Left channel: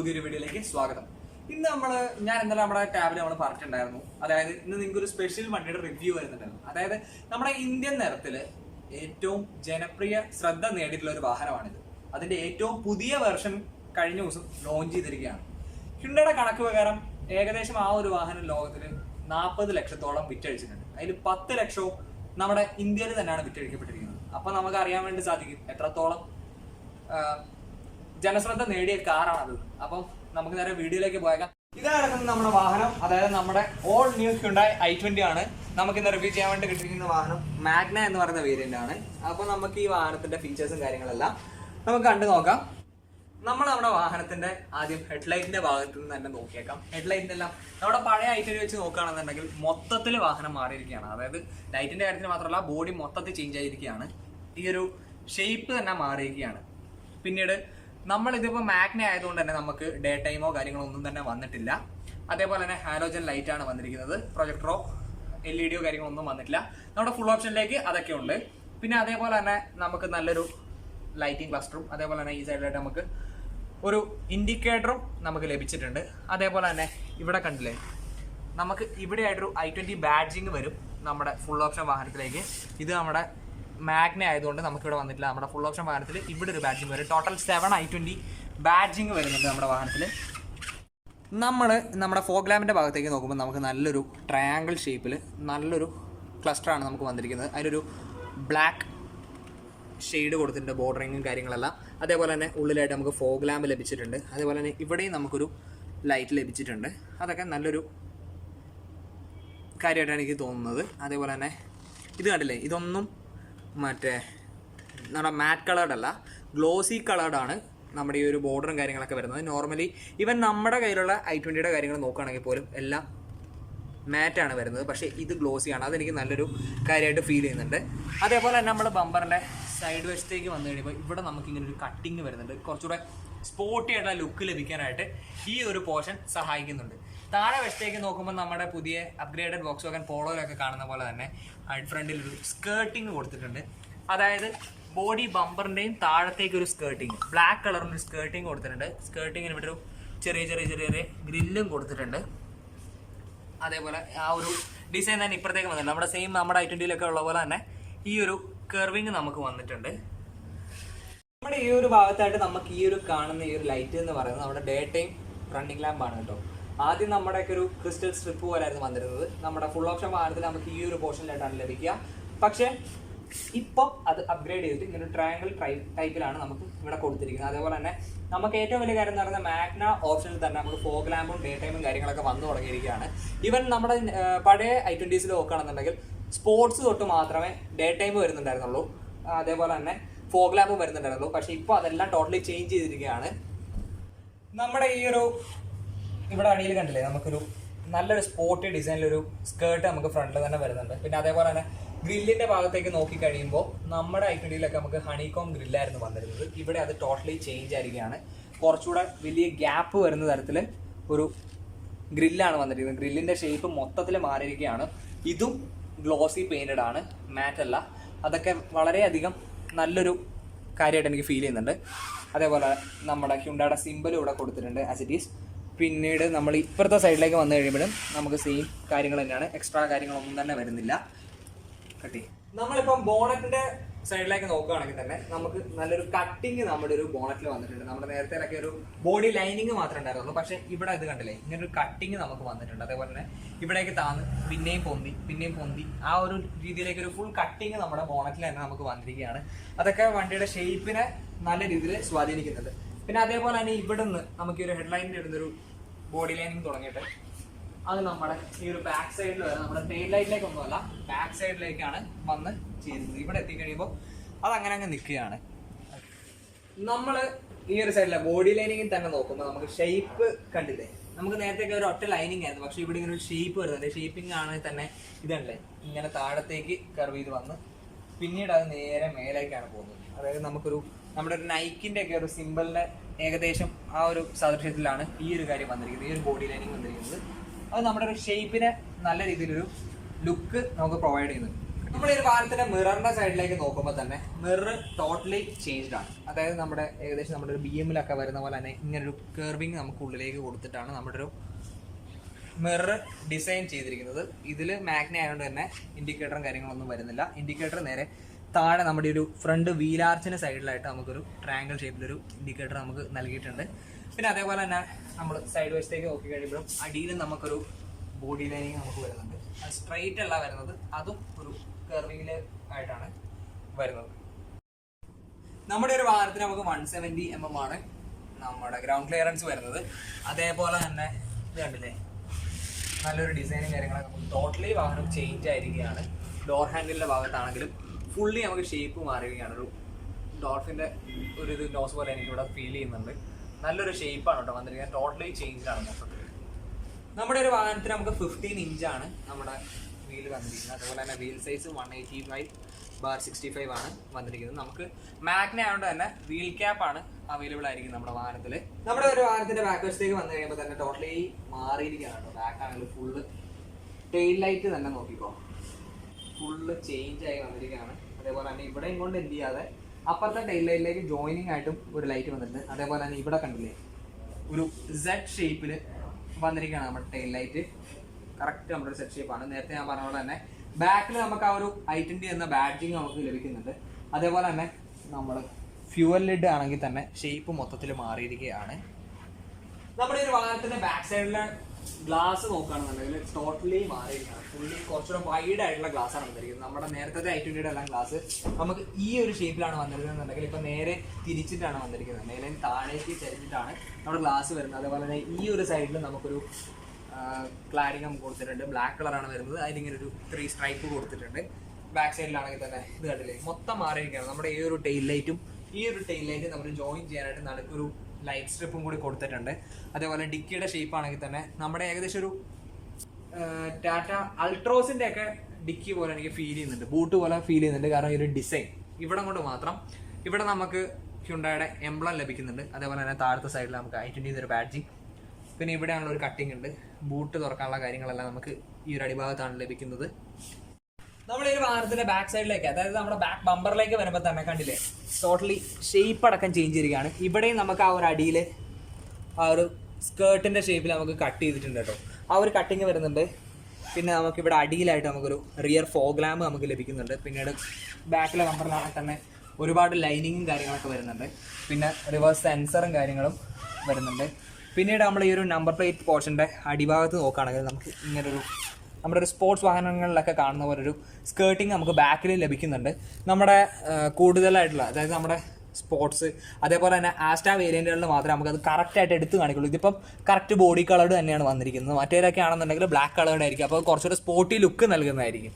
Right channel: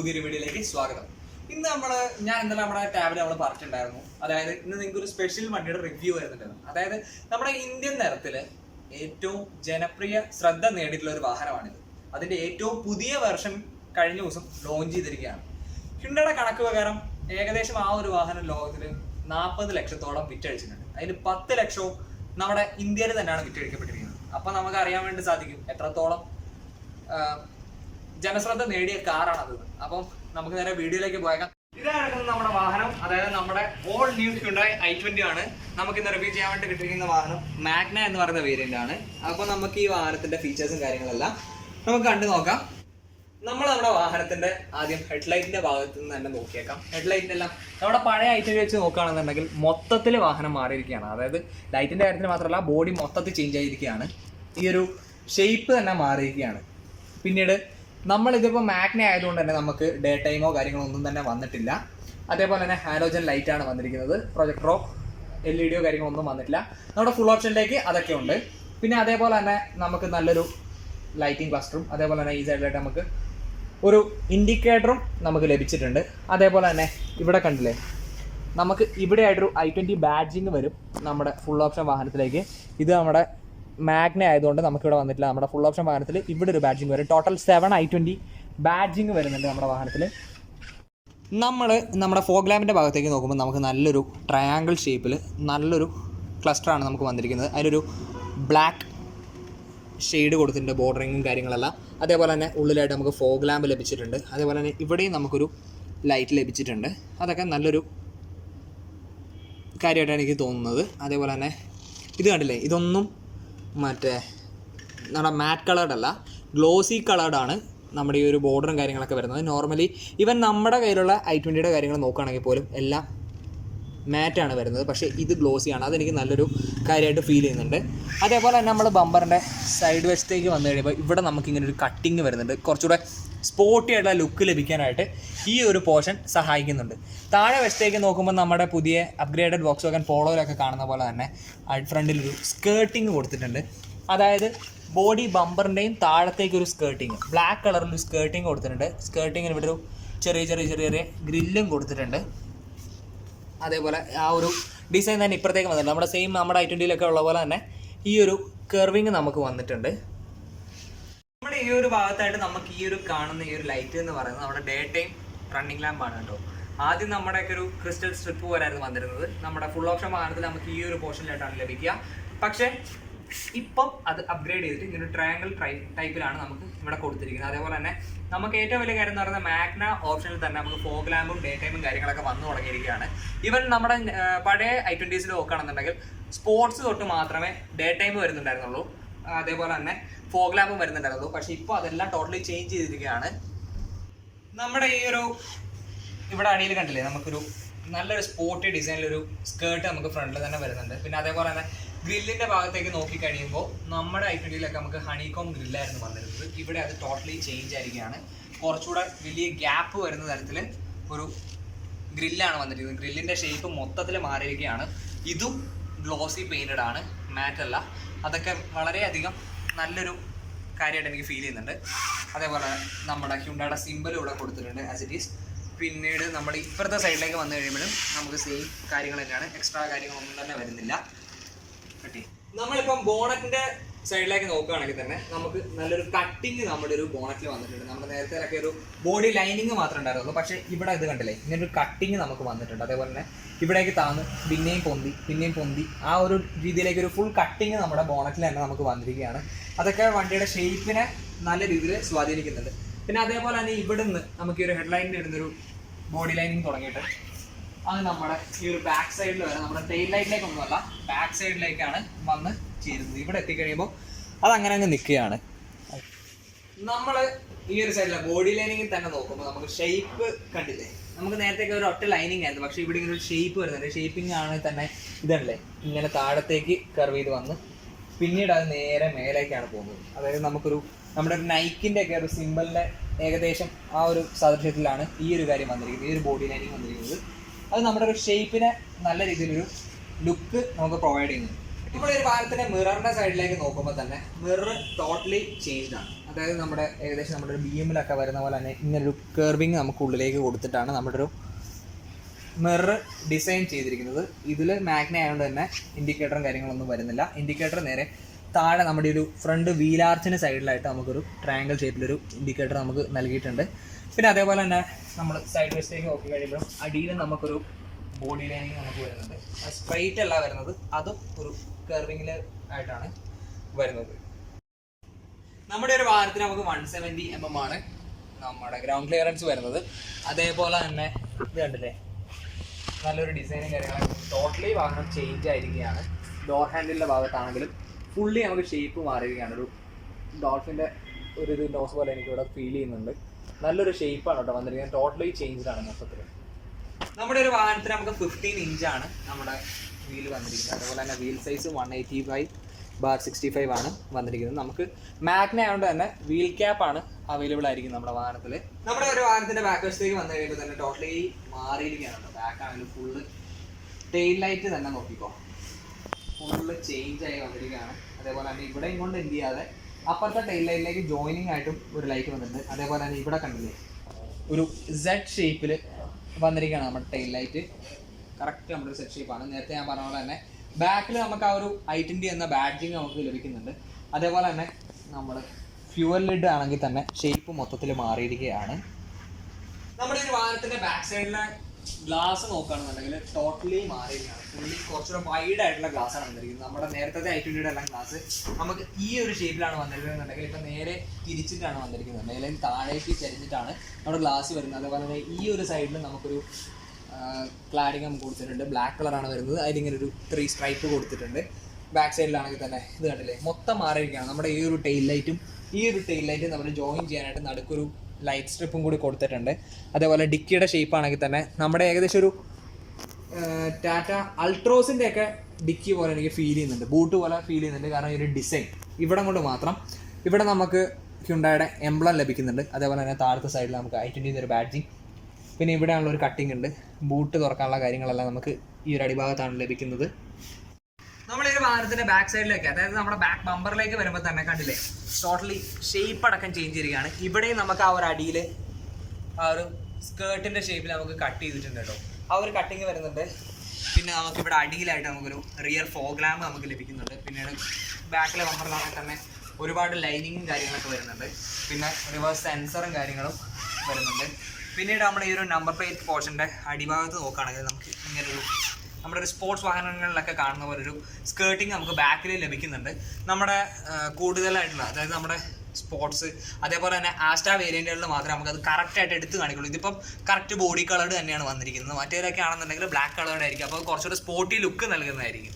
പുതിയൊരു വീഡിയോയിലേക്ക് സ്വാഗതം. ഇന്ന് നമ്മൾ ഞാൻ ഇന്നലെ നമ്മുടെ ടാബിൽ നമ്മൾ പറഞ്ഞിട്ടുണ്ടായിരുന്നു. അതായത് ഇന്ന് നിങ്ങൾക്ക് ഒരു സ്പെഷ്യൽ വണ്ടിയുടെ റിവ്യൂ വരുന്നുണ്ടായിരുന്നു. അതായത് നമ്മുടെ ഇന്ത്യൻ നിരത്തിൽ ഏറ്റവും ജനപ്രിയ ശ്രദ്ധ നേടിയിട്ടുള്ള ഒരു വാഹനമാണിത്. അതിന്റെ ഏറ്റവും പുതിയ വെർഷൻ കഴിഞ്ഞ ദിവസം ലോഞ്ച് ചെയ്തിരിക്കുകയാണ്. ഹിണ്ടയുടെ കണക്ക് പ്രകാരം ഏകദേശം ആ ഒരു വാഹനം ലോകത്തിൽ നാൽപ്പത് ലക്ഷത്തോളം വിറ്റഴിച്ചിട്ടുണ്ട്. അതിൽ പത്ത് ലക്ഷവും നമ്മുടെ ഇന്ത്യയിൽ തന്നെയാണ് വിറ്റഴിക്കപ്പെട്ടിരിക്കുന്നത്. അപ്പം നമുക്ക് അറിയാൻ വേണ്ടി സാധിക്കും എത്രത്തോളം ജനശ്രദ്ധ നേടിയ കാറാണത് അപ്പം നമുക്ക് നേരെ വീഡിയോയിലേക്ക് പോയേക്കാം. ഇതാണ് നമ്മുടെ വാഹനം. അതായത് നമ്മുടെ all new Hyundai i twenty ആണ്. നമുക്ക് ഇന്ന് റിവ്യൂ ചെയ്യാൻ വേണ്ടി കിട്ടിയിരിക്കുന്ന വാഹനം മാഗ്ന എന്ന് പറയുന്ന വേരിയന്റ് ആണ്. അപ്പോൾ നമുക്ക് ഈ വാഹനത്തിന്റെ ഫീച്ചേഴ്സും കാര്യങ്ങളെല്ലാം നമുക്ക് കണ്ടു നോക്കാം. നമ്മൾ നമ്മുടെ വാഹനത്തിന്റെ ആദ്യം ഹെഡ്ലൈറ്റിന്റെ ഭാഗത്ത് നിന്ന് തന്നെ നോക്കിയേക്കാം. ഹെഡ്ലൈറ്റിന്റെ എല്ലാം നമ്മുടെ പഴയ ഐറ്റം വെച്ച് നോക്കുകയാണെന്നുണ്ടെങ്കിൽ മൊത്തത്തിൽ വാഹനം മാറിയിരിക്കുകയാണ്. അതായത് ലൈറ്റിന്റെ കാര്യത്തിൽ മാത്രമല്ല ബോഡി മൊത്തത്തിൽ ചേഞ്ച് ആയിരിക്കുകയാണ്. ഈ ഒരു ഷേപ്പ് തന്നെ മാറിയിരിക്കുകയാണ്. പിന്നീട് നമ്മൾ ഇതിപ്പോൾ മാഗ്നെ ആയതുകൊണ്ട് തന്നെ നമുക്ക് ഡേ ടൈമോ കാര്യങ്ങളോ ഒന്നും തന്നെ വന്നിട്ടില്ല. അതേപോലെ തന്നെ ഹാലോജൻ ലൈറ്റ് ആണ് വന്നിരിക്കുന്നത്. പ്രൊജക്ടറോ എൽ ഇ ഡിയോ കാര്യങ്ങളൊന്നും വന്നിട്ടില്ല. നമ്മുടെ ഫുൾ ഓപ്ഷനിലേക്ക് അതൊക്കെ ഉണ്ട്. പിന്നെ അതേപോലെ തന്നെ നമുക്ക് നല്ലൊരു ലൈറ്റിംഗ് ക്ലസ്റ്ററും അതേപോലെ തന്നെ ഈ സൈഡിലായിട്ട് നമുക്ക് ഒരു ഇൻഡിക്കേറ്ററും നമുക്ക് ലഭിച്ചിട്ടുണ്ട്. അതേപോലെ തന്നെ ഇവിടെ കണ്ടില്ലേ നമുക്ക് ഇവിടെ ആയിട്ടൊരു ഐ ട്വന്റി ബാഡ്ജിങ് വരും നമ്മുടെ ഫുൾ ഓപ്ഷൻ വാഹനത്തിലേക്ക്. ഇത് നമ്മുടെ മാഗ്ന ആയതുകൊണ്ട് നമുക്ക് ഇവിടെ വന്നിട്ടില്ല. നമ്മുടെ ഫുൾ ഓപ്ഷൻ വാഹനത്തിൽ ഇവിടെ ഒരു ബാഡ്ജിങ് വരും. Total seven i twenty badging വരുന്നുണ്ട് നമ്മുടെ വാഹനത്തിൽ. നമ്മൾ നമ്മുടെ ഫോഗ് ലാമ്പിന്റെ ഭാഗത്തേക്ക് നോക്കുമ്പോൾ നമുക്ക് നല്ലൊരു ട്രയാങ്കിൾ ഷേപ്പിൽ നല്ലൊരു ക്ലസ്റ്ററാണ് നമുക്ക് വന്നിരിക്കുന്നത്. അതിലൊരു ബ്ലാക്ക് ഷെയ്ഡ് കൊടുത്തിട്ടുണ്ട് ബോർഡറിങ്ങും കാര്യങ്ങളെല്ലാം. അതേപോലെ തന്നെ ഉള്ളിലായിട്ട് നമുക്ക് ഫോഗ് ലാമ്പ് ലഭിച്ചിട്ടുണ്ട്. അതേപോലെ തന്നെ ഇവിടെയും നമുക്കൊരു ലൈറ്റ് ലഭിച്ചിട്ടുണ്ട്. അതൊക്കെ നല്ലൊരു കാര്യമായിട്ടാണ് എനിക്ക് തോന്നുന്നത്. അതേപോലെ തന്നെ ഇത് കണ്ടില്ലേ? ഇതൊന്നും മറ്റേ നമ്മുടെ മാറ്റ് കളേർഡ് അല്ല ഗ്ലോസി കളേർഡാണ് നമ്മുടെ ഈ ഒരു ബോർഡറും കാര്യങ്ങളൊക്കെ വരുന്നത്. നോർമലി ഈവൻ നമ്മുടെ കയ്യിലുള്ള ഐ ട്വന്റിയുടെ കാര്യങ്ങൾ നോക്കുകയാണെങ്കിൽ പോലും എല്ലാം മാറ്റാണ് വരുന്നത്. പക്ഷേ ഇത് ഗ്ലോസി ആണ്. അതെനിക്ക് നല്ലൊരു കാര്യമായിട്ട് ഫീൽ ചെയ്യുന്നുണ്ട്. അതേപോലെ തന്നെ നമ്മൾ ബമ്പറിന്റെ സൈഡ് വശത്തേക്ക് വന്നു കഴിയുമ്പോൾ ഇവിടെ നമുക്ക് ഇങ്ങനെ ഒരു കട്ടിങ് വരുന്നുണ്ട്. കുറച്ചുകൂടെ സ്പോർട്ടി ആയിട്ടുള്ള ലുക്ക് ലഭിക്കാനായിട്ട് ഈ ഒരു പോർഷൻ സഹായിക്കുന്നുണ്ട്. താഴെ വശത്തേക്ക് നോക്കുമ്പോൾ നമ്മുടെ പുതിയ അപ്ഗ്രേഡഡ് ബോക്സ് വാഗൻ പോളോയിലൊക്കെ കാണുന്ന പോലെ തന്നെ ഫ്രണ്ടിലൊരു സ്കേർട്ടിങ് കൊടുത്തിട്ടുണ്ട്. അതായത് ബോഡി ബമ്പറിന്റെയും താഴത്തേക്ക് ഒരു സ്കേർട്ടിങ് ബ്ലാക്ക് കളറിന്റെ സ്കേർട്ടിങ് കൊടുത്തിട്ടുണ്ട്. സ്കേർട്ടിങ്ങിന് ഇവിടെ ഒരു ചെറിയ ചെറിയ ചെറിയ ചെറിയ ഗ്രില്ലും കൊടുത്തിട്ടുണ്ട്. അതേപോലെ ആ ഒരു ഡിസൈൻ തന്നെ ഇപ്പുറത്തേക്ക് വന്നിട്ടുണ്ട്. നമ്മുടെ സെയിം നമ്മുടെ ഐ ട്വന്റിയിലൊക്കെ ഉള്ള പോലെ തന്നെ ഈ ഒരു കർവിങ് നമുക്ക് വന്നിട്ടുണ്ട്. നമ്മുടെ ഈ ഒരു ഭാഗത്തായിട്ട് നമുക്ക് ഈ ഒരു കാണുന്ന ഈ ഒരു ലൈറ്റ് എന്ന് പറയുന്നത് നമ്മുടെ ഡേ ടൈം റണ്ണിങ് ലാമ്പാണ് കേട്ടോ. ആദ്യം നമ്മുടെയൊക്കെ ഒരു ക്രിസ്റ്റൽ സ്ട്രിപ്പ് പോലായിരുന്നു വന്നിരുന്നത്. നമ്മുടെ ഫുൾ ഓപ്ഷൻ വാഹനത്തിൽ നമുക്ക് ഈ ഒരു പോർഷനിലായിട്ടാണ് ലഭിക്കുക. പക്ഷേ ഇപ്പം അത് അപ്ഗ്രേഡ് ചെയ്തിട്ട് ഇങ്ങനെ ട്രയാങ്കിൾ ട്രൈ ടൈപ്പിലാണ് നമുക്ക് ഇവിടെ കൊടുത്തിരിക്കുന്നത്. അതേപോലെ തന്നെ നമുക്ക് ഏറ്റവും വലിയ കാര്യം എന്ന് പറയുന്നത് മാഗ്ന ഓപ്ഷനിൽ തന്നെ നമുക്ക് ഫോഗ് ലാമ്പും ഡേ ടൈമും കാര്യങ്ങളൊക്കെ വന്നു തുടങ്ങിയിരിക്കുകയാണ്. ഈവൻ നമ്മുടെ പഴയ ഐ ട്വന്റീസിൽ നോക്കുകയാണെന്നുണ്ടെങ്കിൽ സ്പോർട്സ് തൊട്ട് മാത്രമേ ഡേ ടൈം വരുന്നുണ്ടായിരുന്നുള്ളൂ. അതേപോലെ തന്നെ ഫോഗ് ലാമ്പും വരുന്നുണ്ടായിരുന്നുള്ളൂ. പക്ഷേ ഇപ്പോൾ അതെല്ലാം ടോട്ടലി ചേഞ്ച് ചെയ്തിരിക്കുകയാണ്. നമ്മുടെ ഈ ഒരു ഇവിടെ അടിയിൽ കണ്ടില്ലേ? നമുക്കൊരു നല്ലൊരു സ്പോർട്ടി ഡിസൈനിലൊരു സ്കേർട്ട് നമുക്ക് ഫ്രണ്ടിൽ തന്നെ വരുന്നുണ്ട്. പിന്നെ അതേപോലെ തന്നെ ഗ്രില്ലിന്റെ ഭാഗത്തേക്ക് നോക്കി കഴിയുമ്പോൾ നമ്മുടെ ഐറ്റഡിയിലൊക്കെ നമുക്ക് ഹണികോം ഗ്രില്ലായിരുന്നു വന്നിരുന്നത്. ഇവിടെ അത് ടോട്ടലി ചേഞ്ച് ആയിരിക്കുകയാണ്. കുറച്ചുകൂടെ വലിയ ഗ്യാപ്പ് വരുന്ന തരത്തിൽ ഒരു ഗ്രില്ലാണ് വന്നിരിക്കുന്നത്. ഗ്രില്ലിന്റെ ഷേപ്പ് മൊത്തത്തിൽ മാറിയിരിക്കുകയാണ്. ഇതും ഗ്ലോസി പെയിന്റഡ് ആണ്. മാറ്റ് അല്ല അതൊക്കെ വളരെയധികം നല്ലൊരു കാര്യമായിട്ട് എനിക്ക് ഫീൽ ചെയ്യുന്നുണ്ട്. അതേപോലെ നമ്മുടെ ഹ്യുണ്ടയുടെ സിമ്പിൾ ഇവിടെ കൊടുത്തിട്ടുണ്ട് ആസ് ഇറ്റ് ഈസ് പിന്നീട് നമ്മൾ ഇപ്പുറത്തെ സൈഡിലേക്ക് വന്നു കഴിയുമ്പോഴും നമുക്ക് സെയിം കാര്യങ്ങൾ തന്നെയാണ്. എക്സ്ട്രാ കാര്യങ്ങളൊന്നും തന്നെ വരുന്നില്ല. കിട്ടി നമ്മളിപ്പം ബോണറ്റിന്റെ സൈഡിലേക്ക് നോക്കുകയാണെങ്കിൽ തന്നെ നമുക്ക് നല്ലൊരു കട്ടിങ് നമ്മുടെ ഒരു ബോണറ്റിൽ വന്നിട്ടുണ്ട്. നമ്മുടെ നേരത്തെ ഒരു ബോഡി ലൈനിങ് മാത്രമേ ഉണ്ടായിരുന്നുള്ളൂ. പക്ഷേ ഇവിടെ ഇത് കണ്ടില്ലേ? ഇങ്ങനെ ഒരു കട്ടിങ് നമുക്ക് വന്നിട്ടുണ്ട്. അതേപോലെ തന്നെ ഇവിടേക്ക് താന്ന് പിന്നെയും പൊന്തി പിന്നെയും പൊന്തി. ആ ഒരു രീതിയിലേക്ക് ഒരു ഫുൾ കട്ടിങ് നമ്മുടെ ബോണറ്റിൽ തന്നെ നമുക്ക് വന്നിരിക്കുകയാണ്. അതൊക്കെ വണ്ടിയുടെ ഷേപ്പിനെ നല്ല രീതിയിൽ സ്വാധീനിക്കുന്നുണ്ട്. പിന്നെ അതേപോലെ തന്നെ ഇവിടുന്ന് നമുക്ക് ഈ ഒരു ഹെഡ്ലൈനിൽ ഇടുന്നൊരു ബോഡി ലൈനിങ് തുടങ്ങിയിട്ട് അത് നമ്മുടെ ഈ ഒരു ബാക്ക് സൈഡിൽ വരെ. നമ്മുടെ ടെയിൽ ലൈറ്റിലേക്ക് ഒന്നുമല്ല ബാക്ക് സൈഡിലേക്കാണ് വന്ന് ചേരുന്നത്. ഇവിടെ എത്തിക്കഴിയുമ്പോൾ അത് അങ്ങനെ അങ്ങ് നിൽക്കുകയാണ്. നമ്മൾ ഈ ഒരു സൈഡിലെ ബോഡി ലൈനിങ്ങിൽ തന്നെ നോക്കുമ്പോൾ നമുക്ക് ഷേപ്പ് കണ്ടില്ലേ? നമുക്ക് നേരത്തെ ഒരു ഒറ്റ ലൈനിങ് ആയിരുന്നു. പക്ഷേ ഇവിടെ ഇങ്ങനെ ഒരു ഷേപ്പ് വരുന്നുണ്ട്. ഷേപ്പിംഗ് ആണെങ്കിൽ തന്നെ ഇതല്ലേ? ഇങ്ങനെ താഴത്തേക്ക് കർവ് ചെയ്ത് വന്ന് പിന്നീട് അത് നേരെ മേലേക്കാണ് പോകുന്നത്. അതായത് നമുക്കൊരു നമ്മുടെ ഒരു നൈക്കിന്റെ ഒക്കെ ഒരു സിമ്പിളിന്റെ ഏകദേശം ആ ഒരു സദൃശ്യത്തിലാണ് ഈ ഒരു കാര്യം വന്നിരിക്കുന്നത്. ഈ ഒരു ബോഡി ലൈനിങ് വന്നിരിക്കുന്നത്. അത് നമ്മുടെ ഒരു ഷേപ്പിനെ നല്ല രീതിയിലൊരു ലുക്ക് നമുക്ക് പ്രൊവൈഡ് ചെയ്യുന്നുണ്ട്. നമ്മൾ ഈ ഒരു വാഹനത്തിന്റെ മിററിന്റെ സൈഡിലേക്ക് നോക്കുമ്പോൾ തന്നെ മിറർ ടോട്ടലി ചേഞ്ച്ഡ് ആണ്. അതായത് നമ്മുടെ ഏകദേശം നമ്മുടെ ഒരു ബി എമ്മിലൊക്കെ വരുന്ന പോലെ തന്നെ ഇങ്ങനെ ഒരു കർവിങ് നമുക്ക് ഉള്ളിലേക്ക് കൊടുത്തിട്ടാണ് നമ്മുടെ ഒരു മിറർ ഡിസൈൻ ചെയ്തിരിക്കുന്നത്. ഇതിൽ മാഗ്ന ആയതുകൊണ്ട് തന്നെ ഇൻഡിക്കേറ്ററും കാര്യങ്ങളൊന്നും വരുന്നില്ല. ഇൻഡിക്കേറ്റർ നേരെ താഴെ നമ്മുടെ ഒരു ഫ്രണ്ട് വീലാർച്ചിന് സൈഡിലായിട്ട് നമുക്കൊരു ട്രയാങ്കിൾ ഷേപ്പിലൊരു ഇൻഡിക്കേറ്റർ നമുക്ക് നൽകിയിട്ടുണ്ട്. പിന്നെ അതേപോലെ തന്നെ നമ്മൾ സൈഡ് വശത്തേക്ക് നോക്കി കഴിയുമ്പോഴും അടിയിൽ നമുക്കൊരു ബോഡി ലൈനിങ് നമുക്ക് വരുന്നുണ്ട്. അത് സ്ട്രൈറ്റ് അല്ല വരുന്നത് അതും ഒരു കർവിങ്ങിൽ ആയിട്ടാണ് വരുന്നത്. നമ്മുടെ ഒരു വാഹനത്തിന് നമുക്ക് വൺ സെവന്റി എം എം ആണ് നമ്മുടെ ഗ്രൗണ്ട് ക്ലിയറൻസ് വരുന്നത്. അതേപോലെ തന്നെ ഇത് കണ്ടില്ലേ? നല്ലൊരു ഡിസൈനും കാര്യങ്ങളൊക്കെ ടോട്ടലി വാഹനം ചേഞ്ച് ആയിരിക്കുകയാണ്. ഡോർ ഹാൻഡിലിന്റെ ഭാഗത്താണെങ്കിലും ഫുള്ളി നമുക്ക് ഷേപ്പ് മാറിയിരിക്കുകയാണ്. ഒരു ഡോൾഫിന്റെ ഒരു ഇത് ഡോസ് പോലെ എനിക്കിവിടെ ഫീൽ ചെയ്യുന്നുണ്ട്. നല്ലൊരു ഷേപ്പാണ് കേട്ടോ വന്നിരിക്കുന്നത്. ടോട്ടലി ചേഞ്ച് ആണ് മൊത്തത്തിൽ നമ്മുടെ ഒരു വാഹനത്തിന് നമുക്ക് ഫിഫ്റ്റീൻ ആണ് നമ്മുടെ വീൽ വന്നിരിക്കുന്നത്. അതുപോലെ തന്നെ wheel size one eighty five bar sixty five ആണ് വന്നിരിക്കുന്നത്. നമുക്ക് മാഗ്ന ആയതുകൊണ്ട് തന്നെ വീൽ ക്യാപ്പ് ആണ് അവൈലബിൾ ആയിരിക്കും നമ്മുടെ വാഹനത്തിൽ നമ്മുടെ ഒരു വാഹനത്തിന്റെ ബാക്ക് വശത്തേക്ക് വന്നു കഴിയുമ്പോൾ തന്നെ ടോട്ടലി മാറിയിരിക്കുകയാണ് ബാക്ക് ആണെങ്കിലും ഫുള്ള് ടെയിൽ ലൈറ്റ് തന്നെ നോക്കിക്കോ. ഫുള്ള് ചേഞ്ച് ആയി വന്നിരിക്കുകയാണ്. അതേപോലെ തന്നെ ഇവിടെയും കൊണ്ട് എന്ത് ചെയ്യാതെ അപ്പുറത്തെ ടൈൽ ലൈനിലേക്ക് ജോയിനിങ് ആയിട്ടും ഒരു ലൈറ്റ് വന്നിട്ടുണ്ട്. അതേപോലെ തന്നെ ഇവിടെ കണ്ടില്ലേ? ഒരു സെഡ് ഷേപ്പിൽ വന്നിരിക്കുകയാണ് നമ്മുടെ ടൈൽ ലൈറ്റ് കറക്റ്റ് നമ്മുടെ സെറ്റ് ഷേപ്പാണ് നേരത്തെ ഞാൻ പറഞ്ഞ പോലെ തന്നെ ബാക്കിൽ നമുക്ക് ആ ഒരു ഐറ്റന്റി എന്ന ബാഡ്ജിങ് നമുക്ക് ലഭിക്കുന്നുണ്ട്. അതേപോലെ തന്നെ നമ്മൾ ഫ്യൂവൽ ലിഡ് ആണെങ്കിൽ തന്നെ ഷേപ്പ് മൊത്തത്തിൽ മാറിയിരിക്കുകയാണ്. നമ്മുടെ ഒരു വാഹനത്തിന്റെ ബാക്ക് സൈഡിലെ ഗ്ലാസ് നോക്കുകയാണെന്നുണ്ടെങ്കിൽ ടോട്ടലി മാറിയിരിക്കുകയാണ് ഫുള്ളി കുറച്ചുകൂടെ വൈഡ് ആയിട്ടുള്ള ഗ്ലാസ് ആണ് വന്നിരിക്കുന്നത്. നമ്മുടെ നേരത്തെ ഐറ്റന്റിയുടെ എല്ലാം ഗ്ലാസ് നമുക്ക് ഈ ഒരു ഷേപ്പിലാണ് വന്നിരിക്കുന്നുണ്ടെങ്കിൽ ഇപ്പം നേരെ തിരിച്ചിട്ടാണ് വന്നിരിക്കുന്നത്. മേലെ താഴേക്ക് ചരിഞ്ഞിട്ടാണ് നമ്മുടെ ഗ്ലാസ് വരുന്നത്. അതേപോലെ തന്നെ ഈ ഒരു സൈഡിൽ നമുക്കൊരു ക്ലാരിങ് നമുക്ക് കൊടുത്തിട്ടുണ്ട്. ബ്ലാക്ക് കളറാണ് വരുന്നത്. അതിലിങ്ങനെ ഒരു ത്രീ സ്ട്രൈപ്പ് കൊടുത്തിട്ടുണ്ട്. ബാക്ക് സൈഡിലാണെങ്കിൽ തന്നെ ഇത് കണ്ടില്ലേ? മൊത്തം മാറിയിരിക്കുകയാണ്. നമ്മുടെ ഈ ഒരു ടെയിൽ ലൈറ്റും ഈ ഒരു ടെയിൽ ലൈറ്റും നമ്മൾ ജോയിൻ ചെയ്യാനായിട്ട് നടുക്കൊരു ലൈറ്റ് സ്ട്രിപ്പും കൂടി കൊടുത്തിട്ടുണ്ട്. അതേപോലെ ഡിക്കിയുടെ ഷേപ്പ് ആണെങ്കിൽ തന്നെ നമ്മുടെ ഏകദേശം ഒരു ടാറ്റ അൾട്രോസിന്റെ ഒക്കെ ഡിക്കി പോലെ എനിക്ക് ഫീൽ ചെയ്യുന്നുണ്ട്. ബൂട്ട് പോലെ ഫീൽ ചെയ്യുന്നുണ്ട്. കാരണം ഈ ഒരു ഡിസൈൻ ഇവിടെ കൊണ്ട് മാത്രം. ഇവിടെ നമുക്ക് ഹ്യുണ്ടായുടെ എംബ്ലം ലഭിക്കുന്നുണ്ട്. അതേപോലെ തന്നെ താഴത്തെ സൈഡിൽ നമുക്ക് ഐ ട്വന്റി ഒരു ബാഡ്ജിങ് പിന്നെ ഇവിടെയാണുള്ള ഒരു കട്ടിംഗ് ഉണ്ട്. ബൂട്ട് തുറക്കാനുള്ള കാര്യങ്ങളെല്ലാം നമുക്ക് ഈ ഒരു അടിഭാഗത്താണ് ലഭിക്കുന്നത്. നമ്മൾ ഈ ഒരു വാഹനത്തിന്റെ ബാക്ക് സൈഡിലേക്ക് അതായത് നമ്മുടെ ബാക്ക് ബമ്പറിലേക്ക് വരുമ്പോൾ തന്നെ കണ്ടില്ലേ? ടോട്ടലി ഷേപ്പ് അടക്കം ചേഞ്ച് ചെയ്യുകയാണ് ഇവിടെയും നമുക്ക് ആ ഒരു അടിയിൽ ആ ഒരു സ്കേർട്ടിന്റെ ഷേപ്പിൽ നമുക്ക് കട്ട് ചെയ്തിട്ടുണ്ട് കേട്ടോ. ആ ഒരു കട്ടിങ് വരുന്നുണ്ട്. പിന്നെ നമുക്ക് ഇവിടെ അടിയിലായിട്ട് നമുക്കൊരു റിയർ ഫോഗ്ലാമ്പ് നമുക്ക് ലഭിക്കുന്നുണ്ട്. പിന്നീട് ബാക്കിലെ ബമ്പറിലാണെങ്കിൽ തന്നെ ഒരുപാട് ലൈനിങ്ങും കാര്യങ്ങളൊക്കെ വരുന്നുണ്ട്. പിന്നെ റിവേഴ്സ് സെൻസറും കാര്യങ്ങളും വരുന്നുണ്ട്. പിന്നീട് നമ്മൾ ഈ ഒരു നമ്പർ പ്ലേറ്റ് പോർഷന്റെ അടിഭാഗത്ത് നോക്കുകയാണെങ്കിൽ നമുക്ക് ഇങ്ങനൊരു നമ്മുടെ ഒരു സ്പോർട്സ് വാഹനങ്ങളിലൊക്കെ കാണുന്ന പോലെ ഒരു സ്കേർട്ടിങ് നമുക്ക് ബാക്കിൽ ലഭിക്കുന്നുണ്ട്. നമ്മുടെ കൂടുതലായിട്ടുള്ള അതായത് നമ്മുടെ സ്പോർട്സ് അതേപോലെ തന്നെ ആസ്റ്റ വേരിയന്റുകളിൽ മാത്രമേ നമുക്ക് അത് കറക്റ്റായിട്ട് എടുത്ത് കാണിക്കുള്ളൂ. ഇതിപ്പം കറക്റ്റ് ബോഡി കളേർഡ് തന്നെയാണ് വന്നിരിക്കുന്നത്. മറ്റേതൊക്കെ ആണെന്നുണ്ടെങ്കിൽ ബ്ലാക്ക് കളേർഡ് ആയിരിക്കും. അപ്പോൾ കുറച്ചുകൂടെ സ്പോർട്ടി ലുക്ക് നൽകുന്നതായിരിക്കും.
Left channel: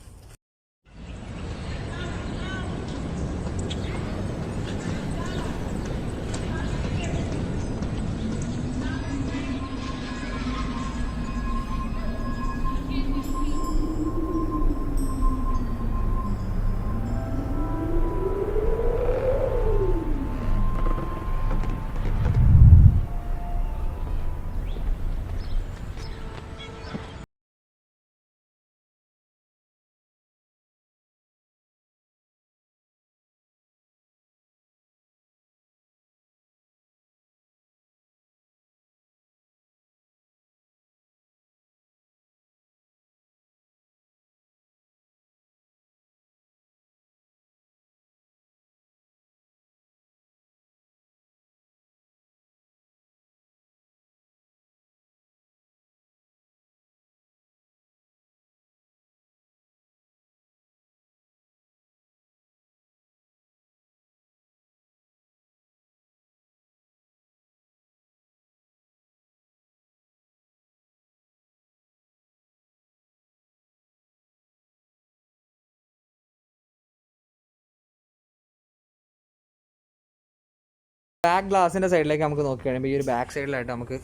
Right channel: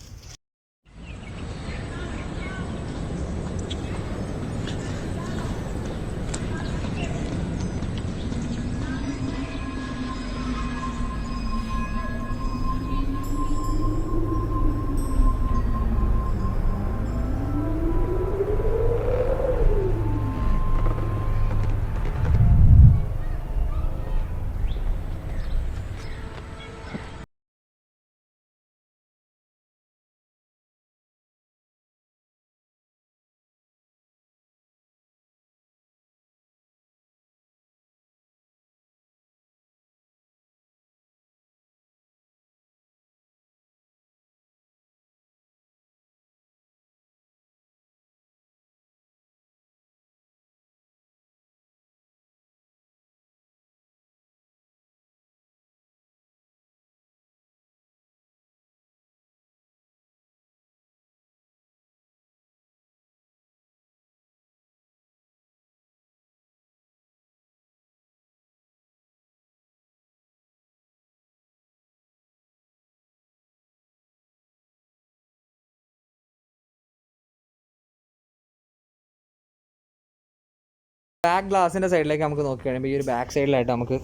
ബാക്ക് ഗ്ലാസിന്റെ സൈഡിലേക്ക് നമുക്ക് നോക്കി കഴിയുമ്പോൾ ഈ ഒരു ബാക്ക് സൈഡിലായിട്ട് നമുക്ക്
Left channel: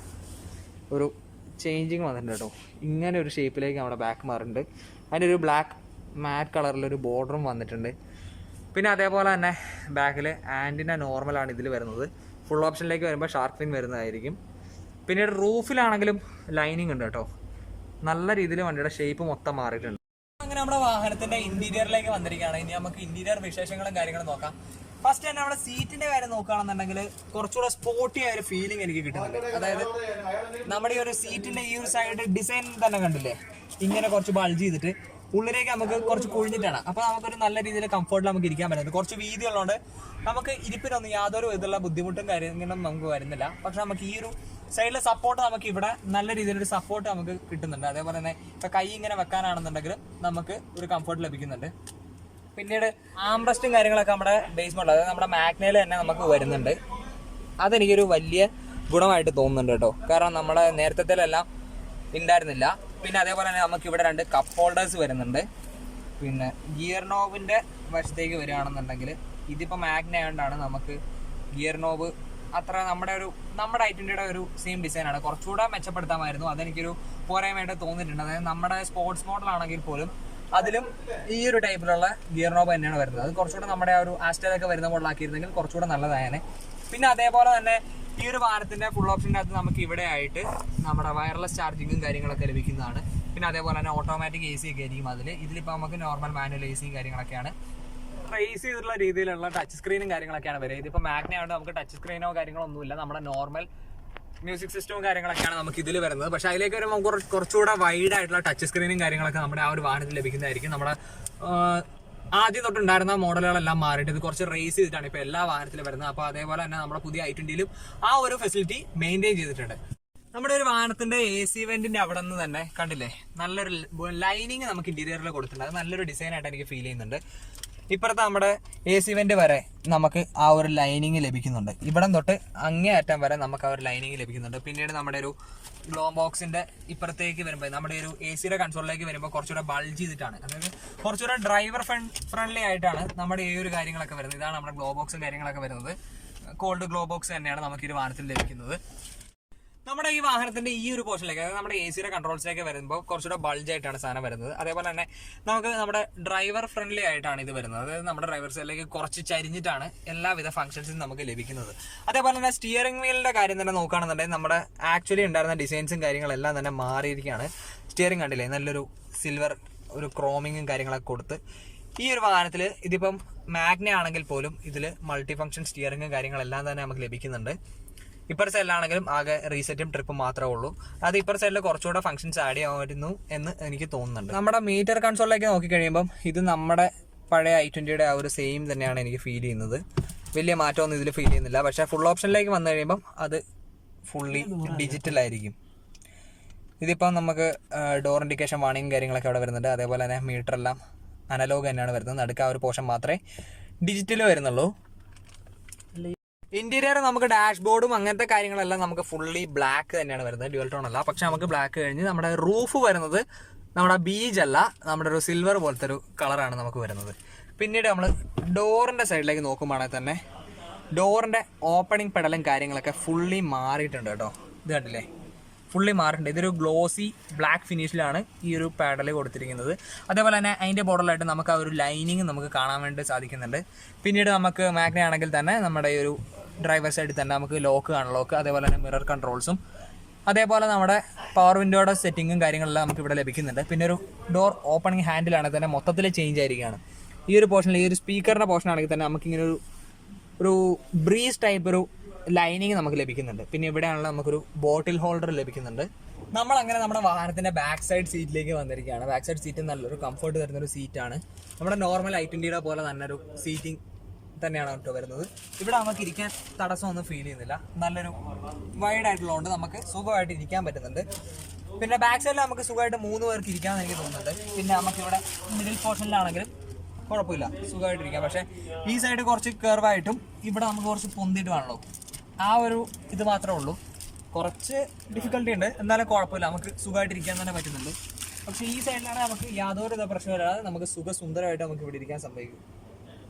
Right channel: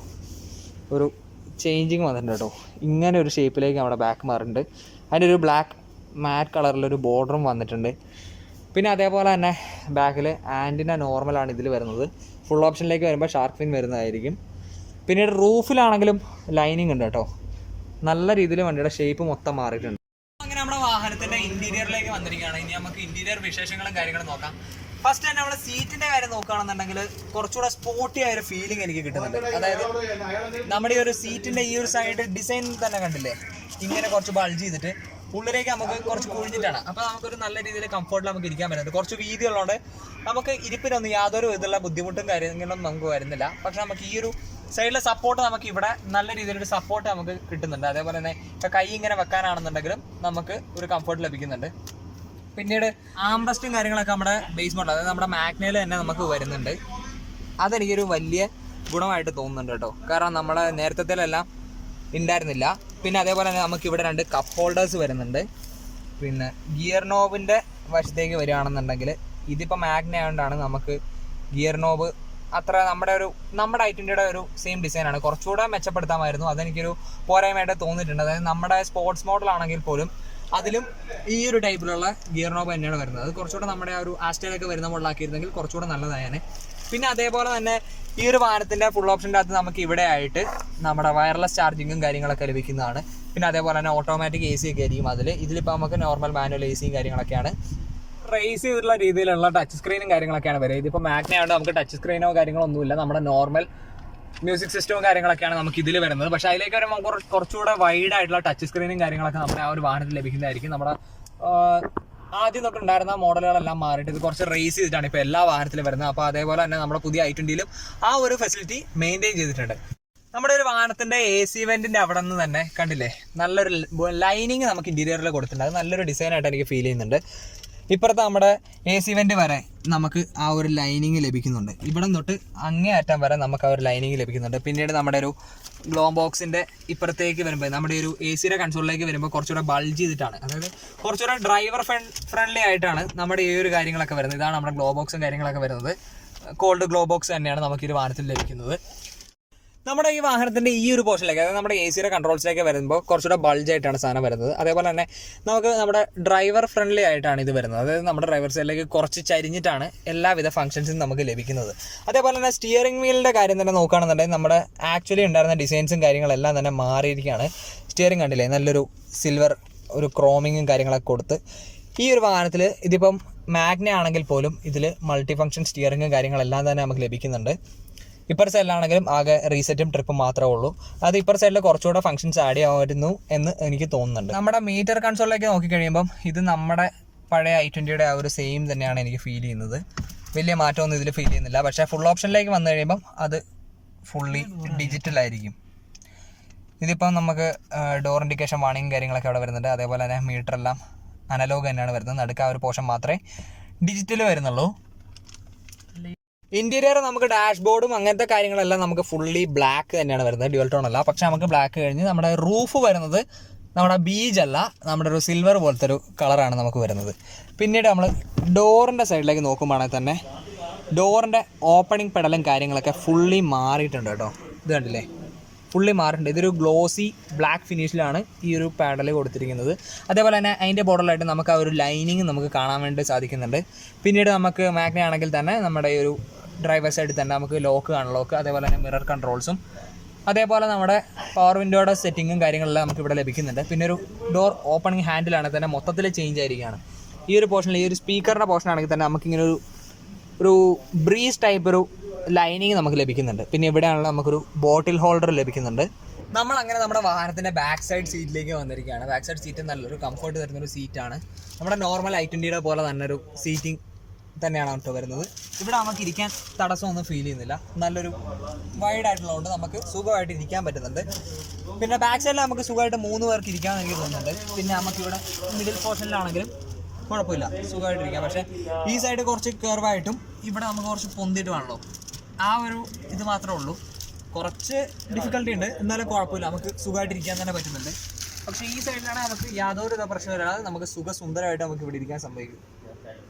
ഒരു ചേഞ്ചിങ് വന്നിട്ടുണ്ട് കേട്ടോ. ഇങ്ങനെ ഒരു ഷേപ്പിലേക്ക് നമ്മുടെ ബാക്ക് മാറുന്നുണ്ട്. അതിന്റെ ഒരു ബ്ലാക്ക് മാറ്റ് കളറിലൊരു ബോർഡറും വന്നിട്ടുണ്ട്. പിന്നെ അതേപോലെ തന്നെ ബാക്കിൽ ആന്റിന നോർമലാണ് ഇതിൽ വരുന്നത്. ഫുൾ ഓപ്ഷനിലേക്ക് വരുമ്പോൾ ഷാർക്ക് ഫിൻ വരുന്നതായിരിക്കും. പിന്നീട് റൂഫിലാണെങ്കിലും ലൈനിങ് ഉണ്ട് കേട്ടോ. നല്ല രീതിയിൽ വണ്ടിയുടെ ഷേപ്പ് മൊത്തം മാറിയിട്ടുണ്ട്. അങ്ങനെ നമ്മുടെ വാഹനത്തിന്റെ ഇന്റീരിയറിലേക്ക് വന്നിരിക്കുകയാണ്. ഇനി നമുക്ക് ഇന്റീരിയർ വിശേഷങ്ങളും കാര്യങ്ങളും നോക്കാം. ഫസ്റ്റ് തന്നെ നമ്മുടെ സീറ്റിന്റെ കാര്യം നോക്കുകയാണെന്നുണ്ടെങ്കിൽ കുറച്ചുകൂടെ സ്പോർട്ടി ആയ ഒരു ഫീലിംഗ് എനിക്ക് കിട്ടുന്നുണ്ട്. അതായത് നമ്മുടെ ഈ ഒരു സീറ്റിന്റെ ഈ ഒരു സൈഡ് ഡിസൈൻ തന്നെ കണ്ടില്ലേ? ഇങ്ങനെ കുറച്ച് ബൾജ് ചെയ്തിട്ട് ഉള്ളിലേക്ക് നമുക്ക് കുറച്ച് കുഴിഞ്ഞിട്ടാണ്. അപ്പൊ നമുക്കൊരു നല്ല രീതിയിൽ കംഫർട്ടിൽ നമുക്ക് ഇരിക്കാൻ പറ്റുന്നുണ്ട്. കുറച്ച് വീതി ഉള്ളതുകൊണ്ട് നമുക്ക് ഇരിപ്പിനൊന്നും യാതൊരു വിധത്തിലുള്ള ബുദ്ധിമുട്ടും കാര്യങ്ങളൊന്നും നമുക്ക് വരുന്നില്ല. പക്ഷെ നമുക്ക് ഈ ഒരു സൈഡിലെ സപ്പോർട്ട് നമുക്ക് ഇവിടെ നല്ല രീതിയിലൊരു സപ്പോർട്ട് നമുക്ക് കിട്ടുന്നുണ്ട്. അതേപോലെ തന്നെ ഇപ്പൊ കൈ ഇങ്ങനെ വെക്കാനാണെന്നുണ്ടെങ്കിലും നമുക്ക് ഒരു കംഫർട്ട് ലഭിക്കുന്നുണ്ട്. പിന്നീട് ആംബ്രസ്റ്റും കാര്യങ്ങളൊക്കെ നമ്മുടെ ബേസ് മോഡൽ അതായത് നമ്മുടെ മാഗ്നയിൽ തന്നെ നമുക്ക് വരുന്നുണ്ട്. അതെനിക്കൊരു വലിയ ഗുണമായിട്ട് തോന്നുന്നുണ്ട് കേട്ടോ. കാരണം നമ്മുടെ നേരത്തെല്ലാം ഉണ്ടായിരുന്നില്ല പിന്നെ അതേപോലെ തന്നെ നമുക്ക് ഇവിടെ രണ്ട് കപ്പ് ഹോൾഡേഴ്സ് വരുന്നുണ്ട്. പിന്നെ ഗിയർ നോബിന്റെ വശത്തേക്ക് വരികയാണെന്നുണ്ടെങ്കിൽ ഇതിപ്പോൾ മാഗ്ന ആയതുകൊണ്ടാണ് നമുക്ക് ഗിയർ നോബ് അത്ര നമ്മുടെ ഒരു നമ്മുടെ ഐറ്റിന്റെ ഒരു സെയിം ഡിസൈനാണ് കുറച്ചുകൂടെ മെച്ചപ്പെടുത്താമായിരുന്നു. അതെനിക്കൊരു പോരായ്മയായിട്ട് തോന്നിയിട്ടുണ്ട്. അതായത് നമ്മുടെ സ്പോർട്സ് മോഡലാണെങ്കിൽ പോലും അതിലും ഈ ഒരു ടൈപ്പിലുള്ള ഗിയർ നോബ് തന്നെയാണ് വരുന്നത്. അത് കുറച്ചുകൂടെ നമ്മുടെ ആ ഒരു ആസ്റ്റലൊക്കെ വരുന്ന മുകളിലാക്കിയിരുന്നെങ്കിൽ കുറച്ചുകൂടെ നല്ലതായേനെ. പിന്നെ അതേപോലെ തന്നെ ഈ ഒരു വാഹനത്തിന്റെ ഫുൾ ഓപ്ഷന്റെ അകത്ത് നമുക്ക് ഇവിടെ ആയിട്ട് നമ്മുടെ വയർലെസ് ചാർജിങ്ങും കാര്യങ്ങളൊക്കെ ലഭിക്കുന്നതാണ്. പിന്നെ അതേപോലെ തന്നെ ഓട്ടോമാറ്റിക് എ സി ഒക്കെ ആയിരിക്കും അതിൽ. ഇതിലിപ്പോൾ നമുക്ക് നോർമൽ മാനുവൽ എ സിയും കാര്യങ്ങളൊക്കെയാണ്. റേസ് ചെയ്തിട്ടുള്ള രീതിയിലുള്ള ടച്ച് സ്ക്രീനും കാര്യങ്ങളൊക്കെയാണ് വരിക. ഇതിപ്പോൾ മാഗ്നായതുകൊണ്ട് നമുക്ക് ടച്ച് സ്ക്രീനോ കാര്യങ്ങളോ ഒന്നുമില്ല. നമ്മുടെ നോർമൽ മ്യൂസിക് സിസ്റ്റവും കാര്യങ്ങളൊക്കെയാണ് നമുക്ക് ഇതിൽ വരുന്നത്. പക്ഷെ അതിലേക്ക് വരുമ്പോൾ നമുക്ക് കുറച്ച് കുറച്ചുകൂടെ വൈഡ് ആയിട്ടുള്ള ടച്ച് സ്ക്രീനും കാര്യങ്ങളൊക്കെ നമ്മുടെ ആ ഒരു വാഹനത്തിൽ ലഭിക്കുന്നതായിരിക്കും. നമ്മുടെ ആദ്യം തൊട്ടുണ്ടായിരുന്ന മോഡലുകളെല്ലാം മാറിയിട്ട് ഇത് കുറച്ച് റേസ് ചെയ്തിട്ടാണ് ഇപ്പോൾ എല്ലാ വാഹനത്തിലും വരുന്നത്. അപ്പോൾ അതേപോലെ തന്നെ നമ്മുടെ പുതിയ ഐ ട്വന്റിയിലും ആ ഒരു ഫെസിലിറ്റി മെയിന്റെയിൻ ചെയ്തിട്ടുണ്ട്. നമ്മുടെ ഒരു വാഹനത്തിന്റെ എ സി വെന്റിന്റെ അവിടെ നിന്ന് തന്നെ കണ്ടില്ലേ? നല്ലൊരു ലൈനിങ് നമുക്ക് ഇന്റീരിയറിൽ കൊടുത്തിട്ടുണ്ട്. അത് നല്ലൊരു ഡിസൈൻ ആയിട്ട് എനിക്ക് ഫീൽ ചെയ്യുന്നുണ്ട്. ഇപ്പുറത്തെ നമ്മുടെ എ സി വെന്റ് വരെ നമുക്ക് ആ ഒരു ലൈനിങ് ലഭിക്കുന്നുണ്ട്. ഇവിടെ തൊട്ട് അങ്ങേ അറ്റം വരെ നമുക്ക് ആ ഒരു ലൈനിങ് ലഭിക്കുന്നുണ്ട്. പിന്നീട് നമ്മുടെ ഒരു ഗ്ലോ ബോക്സിന്റെ ഇപ്പുറത്തേക്ക് വരുമ്പോൾ നമ്മുടെ ഒരു എ സിയുടെ കൺസോളിലേക്ക് വരുമ്പോൾ കുറച്ചുകൂടെ ബൾജ് ചെയ്തിട്ടാണ്. അതായത് കുറച്ചുകൂടെ ഡ്രൈവർ ഫ്രണ്ട്ലി ആയിട്ടാണ് നമ്മുടെ ഈ ഒരു കാര്യങ്ങളൊക്കെ വരുന്നത്. ഇതാണ് നമ്മുടെ ഗ്ലോ ബോക്സും കാര്യങ്ങളൊക്കെ വരുന്നത്. കോൾഡ് ഗ്ലോ ബോക്സ് തന്നെയാണ് നമുക്ക് ഈ വാഹനത്തിൽ ലഭിക്കുന്നത്. നമ്മുടെ ഈ വാഹനത്തിന്റെ ഈ ഒരു പോർഷനിലേക്ക് അതായത് നമ്മുടെ എ സിയുടെ കൺട്രോൾസിലേക്ക് വരുമ്പോൾ കുറച്ചുകൂടെ ബൾജ് ആയിട്ടാണ് സാധനം വരുന്നത്. അതേപോലെ തന്നെ നമുക്ക് നമ്മുടെ ഡ്രൈവർ ഫ്രണ്ട്ലി ആയിട്ടാണ് ഇത് വരുന്നത്. അതായത് നമ്മുടെ ഡ്രൈവർ സൈഡിലേക്ക് കുറച്ച് ചരിഞ്ഞിട്ടാണ് എല്ലാവിധ ഫംഗ്ഷൻസും നമുക്ക് ലഭിക്കുന്നത്. അതേപോലെ തന്നെ സ്റ്റിയറിംഗ് വീലിന്റെ കാര്യം തന്നെ നോക്കുകയാണെന്നുണ്ടെങ്കിൽ നമ്മുടെ ആക്ച്വലി ഉണ്ടായിരുന്ന ഡിസൈൻസും കാര്യങ്ങളെല്ലാം തന്നെ മാറിയിരിക്കുകയാണ്. സ്റ്റിയറിംഗ് കണ്ടില്ലേ? നല്ലൊരു സിൽവർ ഒരു ക്രോമിങ്ങും കാര്യങ്ങളൊക്കെ കൊടുത്ത് ഈ ഒരു വാഹനത്തിൽ ഇതിപ്പം മാഗ്ന ആണെങ്കിൽ പോലും ഇതിൽ മൾട്ടി ഫംഗ്ഷൻ സ്റ്റിയറിങ്ങും കാര്യങ്ങളെല്ലാം തന്നെ നമുക്ക് ലഭിക്കുന്നുണ്ട്. ഇപ്പർ സൈഡിലാണെങ്കിലും ആകെ റീസെറ്റും ട്രിപ്പും മാത്രമേ ഉള്ളൂ. അത് ഇപ്പർ സൈഡിൽ കുറച്ചുകൂടെ ഫംഗ്ഷൻസ് ആഡ് ചെയ്യാമായിരുന്നു എന്ന് എനിക്ക് തോന്നുന്നുണ്ട്. നമ്മുടെ മീറ്റർ കൺസോളിലേക്ക് നോക്കിക്കഴിയുമ്പം ഇത് നമ്മുടെ പഴയ ഐ ട്വന്റിയുടെ ആ ഒരു സെയിം തന്നെയാണ് എനിക്ക് ഫീൽ ചെയ്യുന്നത്. വലിയ മാറ്റമൊന്നും ഇതിൽ ഫീൽ ചെയ്യുന്നില്ല. പക്ഷേ ഫുൾ ഓപ്ഷനിലേക്ക് വന്നു കഴിയുമ്പം അത് ഫുള്ളി ഡിജിറ്റൽ ആയിരിക്കും. ഇതിപ്പം നമുക്ക് ഡോർ ഇൻഡിക്കേഷൻ വാണിംഗ് കാര്യങ്ങളൊക്കെ അവിടെ വരുന്നുണ്ട്. അതേപോലെ തന്നെ മീറ്റർ എല്ലാം അനലോഗ് തന്നെയാണ് വരുന്നത്. നടുക്ക് ആ ഒരു പോർഷൻ മാത്രമേ ഡിജിറ്റൽ വരുന്നുള്ളൂ. ഇന്റീരിയർ നമുക്ക് ഡാഷ്ബോർഡും അങ്ങനത്തെ കാര്യങ്ങളെല്ലാം നമുക്ക് ഫുള്ളി ബ്ലാക്ക് തന്നെയാണ് വരുന്നത്. ഡ്യുവൽ ടോൺ അല്ല. പക്ഷെ നമുക്ക് ബ്ലാക്ക് കഴിഞ്ഞ് നമ്മുടെ റൂഫ് വരുന്നത് നമ്മുടെ ബീജ് അല്ല. നമ്മുടെ ഒരു സിൽവർ പോലത്തെ ഒരു കളറാണ് നമുക്ക് വരുന്നത്. പിന്നീട് നമ്മൾ ഡോറിന്റെ സൈഡിലേക്ക് നോക്കുമ്പോഴാണെങ്കിൽ തന്നെ ഡോറിന്റെ ഓപ്പണിംഗ് പെടലും കാര്യങ്ങളൊക്കെ ഫുള്ളി മാറിയിട്ടുണ്ട് കേട്ടോ. ഇത് കണ്ടില്ലേ? ഫുള്ളി മാറിയിട്ടുണ്ട്. ഇതൊരു ഗ്ലോസി ബ്ലാക്ക് ഫിനിഷിലാണ് ഈ ഒരു പാഡൽ കൊടുത്തിരിക്കുന്നത്. അതേപോലെ തന്നെ അതിന്റെ ബോർഡറിലായിട്ട് നമുക്ക് ആ ഒരു ലൈനിങ് നമുക്ക് കാണാൻ വേണ്ടി സാധിക്കുന്നുണ്ട്. പിന്നീട് നമുക്ക് മാഗ്ന ആണെങ്കിൽ തന്നെ നമ്മുടെ ഈ ഒരു ഡ്രൈവർ സൈഡിൽ തന്നെ നമുക്ക് ലോക്ക് അൺലോക്ക് ലോക്ക് അതേപോലെ തന്നെ മിറർ കൺട്രോൾസും അതേപോലെ നമ്മുടെ പവർ വിൻഡോയുടെ സെറ്റിങ്ങും കാര്യങ്ങളെല്ലാം നമുക്ക് ഇവിടെ ലഭിക്കുന്നുണ്ട്. പിന്നെ ഒരു ഡോർ ഓപ്പണിംഗ് ഹാൻഡിലാണെങ്കിൽ തന്നെ മൊത്തത്തിൽ ചേഞ്ച് ആയിരിക്കുകയാണ്. ഈ ഒരു പോർഷനിൽ ഈ ഒരു സ്പീക്കറിന്റെ പോർഷൻ ആണെങ്കിൽ തന്നെ നമുക്കിങ്ങനെ ഒരു ഒരു ബ്രീസ് ടൈപ്പ് ഒരു ലൈനിങ് നമുക്ക് ലഭിക്കുന്നുണ്ട്. പിന്നെ ഇവിടെയാണല്ലോ നമുക്കൊരു ബോട്ടിൽ ഹോൾഡർ ലഭിക്കുന്നുണ്ട്. നമ്മൾ അങ്ങനെ നമ്മുടെ വാഹനത്തിന്റെ ബാക്ക് സൈഡ് സീറ്റിലേക്ക് വന്നിരിക്കുകയാണ്. ബാക്ക് സൈഡ് സീറ്റ് നല്ലൊരു കംഫർട്ട് തരുന്നൊരു സീറ്റാണ് നമ്മുടെ നോർമൽ ഐ ട്വന്റിയുടെ പോലെ തന്നെ ഒരു സീറ്റിംഗ് തന്നെയാണ് കേട്ടോ വരുന്നത്. ഇവിടെ നമുക്ക് ഇരിക്കാൻ തടസ്സമൊന്നും ഫീൽ ചെയ്യുന്നില്ല. നല്ലൊരു വൈഡ് ആയിട്ടുള്ളതുകൊണ്ട് നമുക്ക് സുഖമായിട്ട് ഇരിക്കാൻ പറ്റുന്നുണ്ട്. പിന്നെ ബാക്ക് സൈഡിൽ നമുക്ക് സുഖമായിട്ട് മൂന്ന് പേർക്ക് ഇരിക്കാമെന്ന് എനിക്ക് തോന്നുന്നുണ്ട്. പിന്നെ നമുക്ക് ഇവിടെ മിഡിൽ പോർഷനിലാണെങ്കിലും കുഴപ്പമില്ല. സുഖമായിട്ട് ഇരിക്കാം. പക്ഷേ ഈ സൈഡ് കുറച്ച് കർവായിട്ടും ഇവിടെ നമുക്ക് കുറച്ച് പൊന്തിയിട്ടുമാണല്ലോ ആ ഒരു ഇത് മാത്രമേ ഉള്ളൂ. കുറച്ച് ഡിഫിക്കൽട്ടി ഉണ്ട്. എന്നാലും കുഴപ്പമില്ല. നമുക്ക് സുഖമായിട്ട് ഇരിക്കാൻ തന്നെ പറ്റുന്നുണ്ട്. പക്ഷേ ഈ സൈഡിലാണ് നമുക്ക് യാതൊരു പ്രശ്നമില്ലാതെ നമുക്ക് സുഖസുന്ദരമായിട്ട് നമുക്ക് ഇവിടെ ഇരിക്കാൻ സംഭവിക്കും.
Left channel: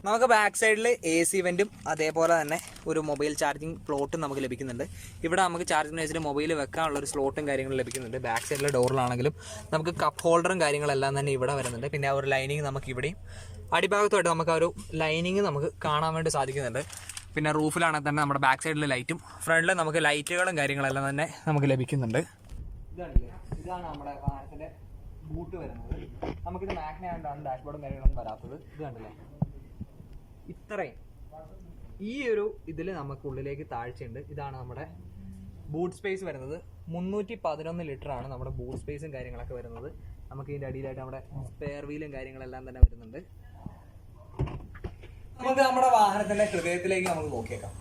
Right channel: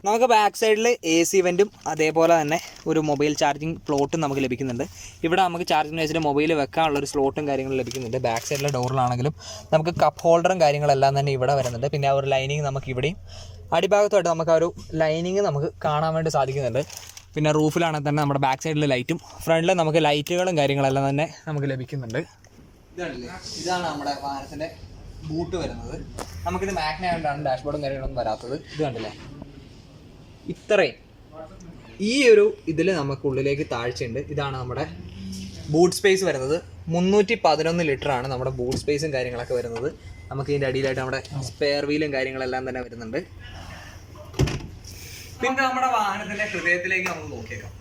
നമുക്ക് ബാക്ക് സൈഡിൽ എ സി വെന്റും അതേപോലെ തന്നെ ഒരു മൊബൈൽ ചാർജിങ് പ്ലോട്ടും നമുക്ക് ലഭിക്കുന്നുണ്ട്. ഇവിടെ നമുക്ക് ചാർജിങ് വെച്ചിട്ട് മൊബൈൽ വെക്കാനുള്ള ഒരു സ്ലോട്ടും കാര്യങ്ങളും ലഭിക്കുന്നുണ്ട്. ബാക്ക് സൈഡിലെ ഡോറിലാണെങ്കിലും നമുക്ക് കപ്പ് ഹോൾഡറും കാര്യങ്ങളെല്ലാം തന്നെ ഇവിടെ വരുന്നുണ്ട്. പിന്നെ ആ ഒരു ലൈനിങ് നമുക്ക് ഇവിടെയും അടിഭാഗത്തുമായിട്ട് നമുക്ക് ആ ഒരു ലൈനിങ് നമുക്ക് കാണാൻ വേണ്ടി സാധിക്കുന്നുണ്ട്. പിന്നെ റൂഫിലാണെങ്കിൽ തന്നെ നമ്മുടെ ബാക്ക് സൈഡിൽ ലൈറ്റും ഫ്രണ്ടിൽ നമുക്ക് ലൈറ്റുകളും കാര്യങ്ങളെല്ലാം തന്നെ നമുക്ക് ലഭിക്കുന്നുണ്ട്. ഇതാണ് നമ്മുടെ വാഹനത്തിന്റെ ബൂട്ട് വരുന്നത്. നമുക്കിത് മാഗ്ന ആയതുകൊണ്ടാണ് ഡാഷ്ബോർഡും കാര്യങ്ങളൊന്നും വരാത്തത്. ഇത് കണ്ടില്ലേ ഇത്രയും. ഈ ഒരു ഇതിൽ നമുക്കുള്ളിലേക്ക് താഴ്ചയുണ്ട്. ഇതാണ് നമ്മുടെ ബൂട്ട് സ്പേസ് വരുന്നത്. മുന്നൂറ്റി പതിനൊന്ന് ലിറ്റർ ആണ് നമ്മുടെ ബൂട്ട് സ്പേസും കാര്യങ്ങളൊക്കെ വരുന്നത്. നമുക്ക് ഇതിന്റെ അടിയിലായിട്ട് നമ്മുടെ സ്പെയർ വീലും കാര്യങ്ങളെല്ലാം തന്നെ വരുന്നുണ്ട്. പിന്നെ നമ്മുടെ വാഹനത്തിന്റെ ഹൃദയത്തിലേക്ക് നമുക്ക് നോക്കിയേക്കാം.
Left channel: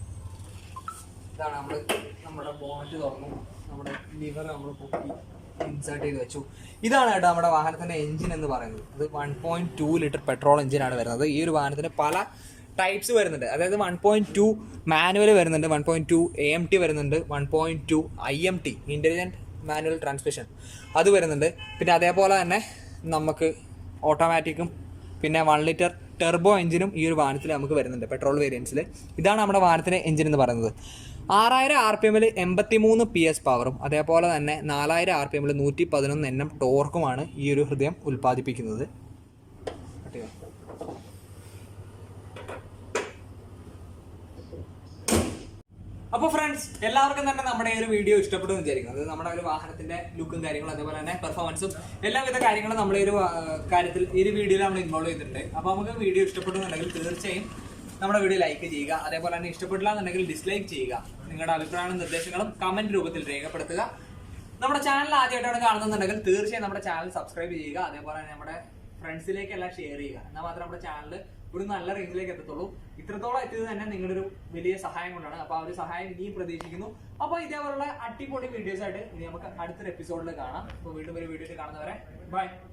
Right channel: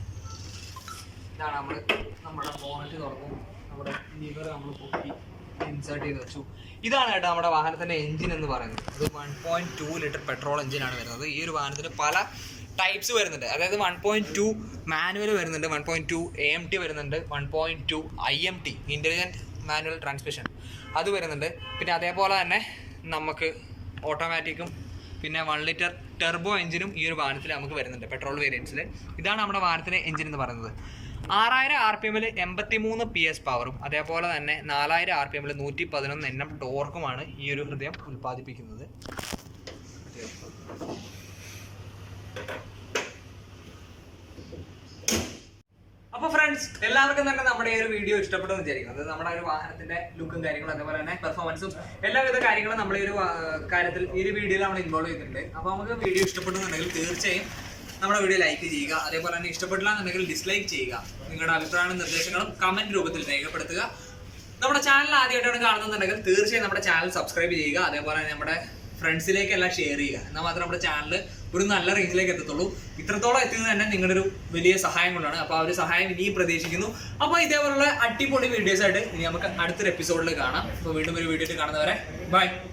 ഇതാണ് നമ്മൾ നമ്മുടെ ബോണറ്റ് തുറന്നു. നമ്മുടെ ലിവർ നമ്മൾ പൊക്കി ഇൻസേർട്ട് ചെയ്ത് വെച്ചു. ഇതാണ് കേട്ടോ നമ്മുടെ വാഹനത്തിന്റെ എഞ്ചിൻ എന്ന് പറയുന്നത്. ഇത് one point two litre petrol എഞ്ചിനാണ് വരുന്നത്. ഈ ഒരു വാഹനത്തിന് പല ടൈപ്സ് വരുന്നുണ്ട്. അതായത് വൺ പോയിന്റ് ടു മാനുവൽ വരുന്നുണ്ട് one point two A M T വരുന്നുണ്ട് one point two I M T intelligent manual transmission അത് വരുന്നുണ്ട്. പിന്നെ അതേപോലെ തന്നെ നമുക്ക് ഓട്ടോമാറ്റിക്കും പിന്നെ വൺ ലിറ്റർ ടെർബോ എഞ്ചിനും ഈ ഒരു വാഹനത്തിൽ നമുക്ക് വരുന്നുണ്ട് പെട്രോൾ വേരിയൻസിൽ ഇതാണ് നമ്മുടെ വാഹനത്തിന്റെ എഞ്ചിൻ എന്ന് പറയുന്നത്. ആറായിരം ആർ പി എമ്മിൽ എൺപത്തി മൂന്ന് പി എസ് പവറും അതേപോലെ തന്നെ നാലായിരം ആർ പി എമ്മിൽ നൂറ്റി പതിനൊന്ന് എൻ എം ടോർക്കുമാണ് ഈ ഒരു ഹൃദയം ഉൽപ്പാദിപ്പിക്കുന്നത്. അപ്പോൾ ഫ്രണ്ട്സ് എല്ലാവർക്കും തന്നെ നമ്മുടെ ഈ ഒരു വീഡിയോ ഇഷ്ടപ്പെട്ടു എന്ന് വിചാരിക്കും അത് നമ്മുടെ ഒരു വാഹനത്തിന്റെ ലുക്കും കാര്യങ്ങളും അതേപോലെ തന്നെ പെർഫോമൻസും എല്ലാവിധ കാര്യങ്ങളും നമ്മൾ ഈ ഒരു കാര്യത്തിൽ ഈ ഒരു വീഡിയോയിൽ നമ്മൾ ഇൻവോൾവ് ചെയ്തിട്ടുണ്ട്. അപ്പോൾ നമുക്ക് വീഡിയോ ഇഷ്ടപ്പെട്ടു എന്നുണ്ടെങ്കിൽ തീർച്ചയായും നമ്മുടെ വീഡിയോ ലൈക്ക് ചെയ്യുക. അതേപോലെ തന്നെ ഇഷ്ടപ്പെട്ടില്ല എന്നുണ്ടെങ്കിൽ ഡിസ്ലൈക്ക് ചെയ്യുക. നിങ്ങളുടെ അഭിപ്രായങ്ങളും നിർദ്ദേശങ്ങളും കമന്റ് രൂപത്തിൽ രേഖപ്പെടുത്തുക. നമ്മുടെ ചാനൽ ആദ്യമായിട്ടാണ് കാണുന്നുണ്ടെങ്കിൽ തീർച്ചയായും നമ്മുടെ ചാനൽ സബ്സ്ക്രൈബ് ചെയ്യുക. അതേപോലെ തന്നെ നമ്മുടെ ഫ്രണ്ട്സിലേക്ക് എല്ലാം ഷെയർ ചെയ്യുക. എന്നാൽ മാത്രം നമ്മുടെ ചാനൽ ഒരു നല്ല റേഞ്ചിലേക്ക് എത്തത്തുള്ളൂ. ഇത്രത്തോളം എത്തിയത് തന്നെ നിങ്ങളുടെ ഒരു വലിയ സഹായം കൊണ്ടാണ്. അപ്പോൾ ആ ഒരു സഹായം ഇനിയും പ്രതീക്ഷിക്കുന്നു. അപ്പോൾ ഇതേപോലുള്ള അടിപൊളി വീഡിയോസ് ആയിട്ട് ഇനി നമുക്ക് അടുത്തൊരു എപ്പിസോഡിൽ കാണാം. അപ്പോൾ വീണ്ടും ഒരു വീഡിയോയിൽ കാണുന്നവരെ ബൈ